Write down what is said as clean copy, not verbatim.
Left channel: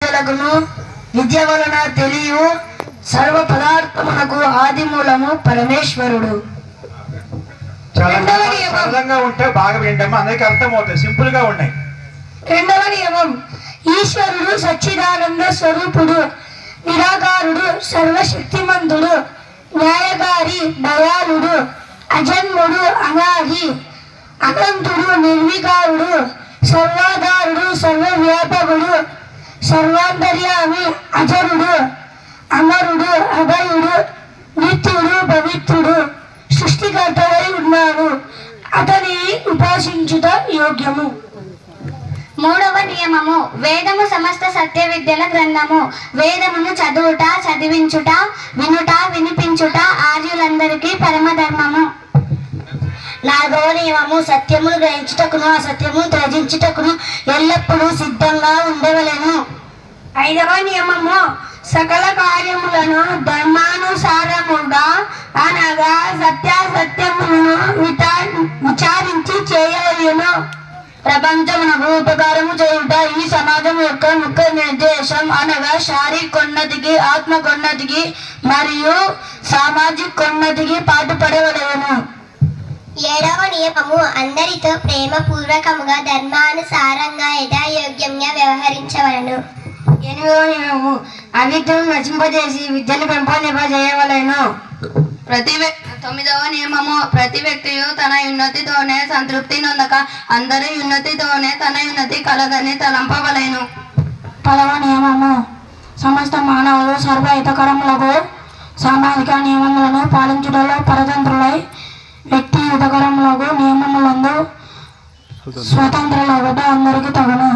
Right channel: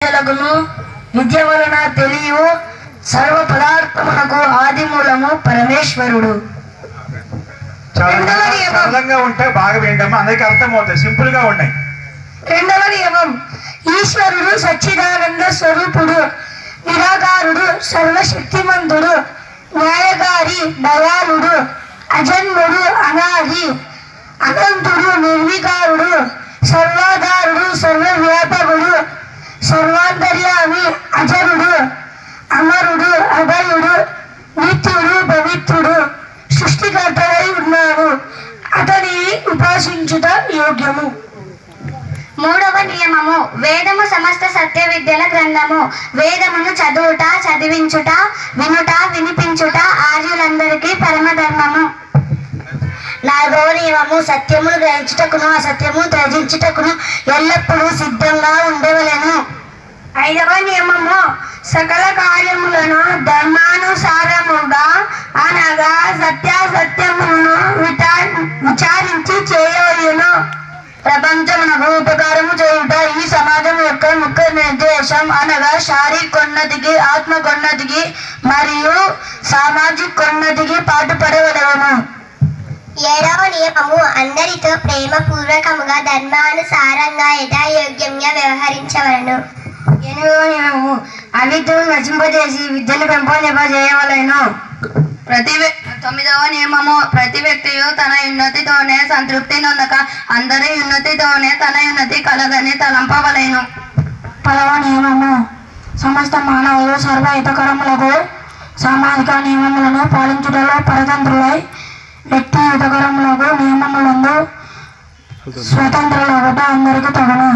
విద్య వలన తెలియు సర్వ పదార్థమునకు ఆది మూలము పరమేశ్వరుడు. సరళంగా ఉంటే బాగా వింటాము, అందరికి అర్థమవుతాయి, సింపుల్ గా ఉన్నాయి. రెండవ నియమం, ఈశ్వరుడు సచ్చిదానంద స్వరూపుడు, నిరాకారుడు, సర్వశక్తిమంతుడు, న్యాయకారి, దయాళుడు, అజన్ముడు, అనాది, అనంతుడు, నిర్వికారుడు, సర్వాధారుడు, సర్వవ్యాపకుడు, సర్వాంతర్యామి, అజరుడు, అమరుడు, అభయుడు, నిత్యుడు, పవిత్రుడు, సృష్టికర్తవై ఉన్నాడు. అతనిని ఉపాసించుట యోగ్యము. మూడవ నియమము, వేదము సమస్త సత్య విద్యల గ్రంథము. వేదమును చదువుట, చదివించుట, వినుట, వినిపించుట ఆర్యులందరికీ పరమధర్మము. నాలుగవ నియమము, సత్యమును గ్రహించుటకును అసత్యము త్యజించుటకును ఎల్లప్పుడూ సిద్ధంగా ఉండవలెను. ఐదవ నియమము, సకల కార్యములను ధర్మానుసారముగా అనగా సత్యాసత్యములను విచారించి చేయవలెను. ప్రపంచమునకు ఉపకారము చేయుట ఈ సమాజం యొక్క ముఖ్య నిర్దేశం. అనగా శారీరకోన్నతికి, ఆత్మకోన్నతికి మరియు సామాజికోన్నతికి పాటుపడవలెను. ఏడవ నియమము, అందరితో ప్రేమపూర్వకముగా ధర్మానుసారంగా యథాయోగ్యంగా వ్యవహరించవలను. ఎనిమిదవ నియమము, అవిద్యను నశింపజేసి విద్యను పెంపొందింపజేయవలెను. తొమ్మిదవ నియమము, ప్రతి వ్యక్తియు తన ఉన్నతితోనే సంతృప్తి నొందక అందరి ఉన్నతితోనే తన ఉన్నతి కలదని తలంపవలెను. పదవ నియమము, సమస్త మానవులు సర్వహితకరములకు సామాజిక నియమములను పాలించుటలో పరతంత్రులై వ్యక్తి హితకరములకు నియమములందు స్వతంత్రులొకట అందరికి తగును.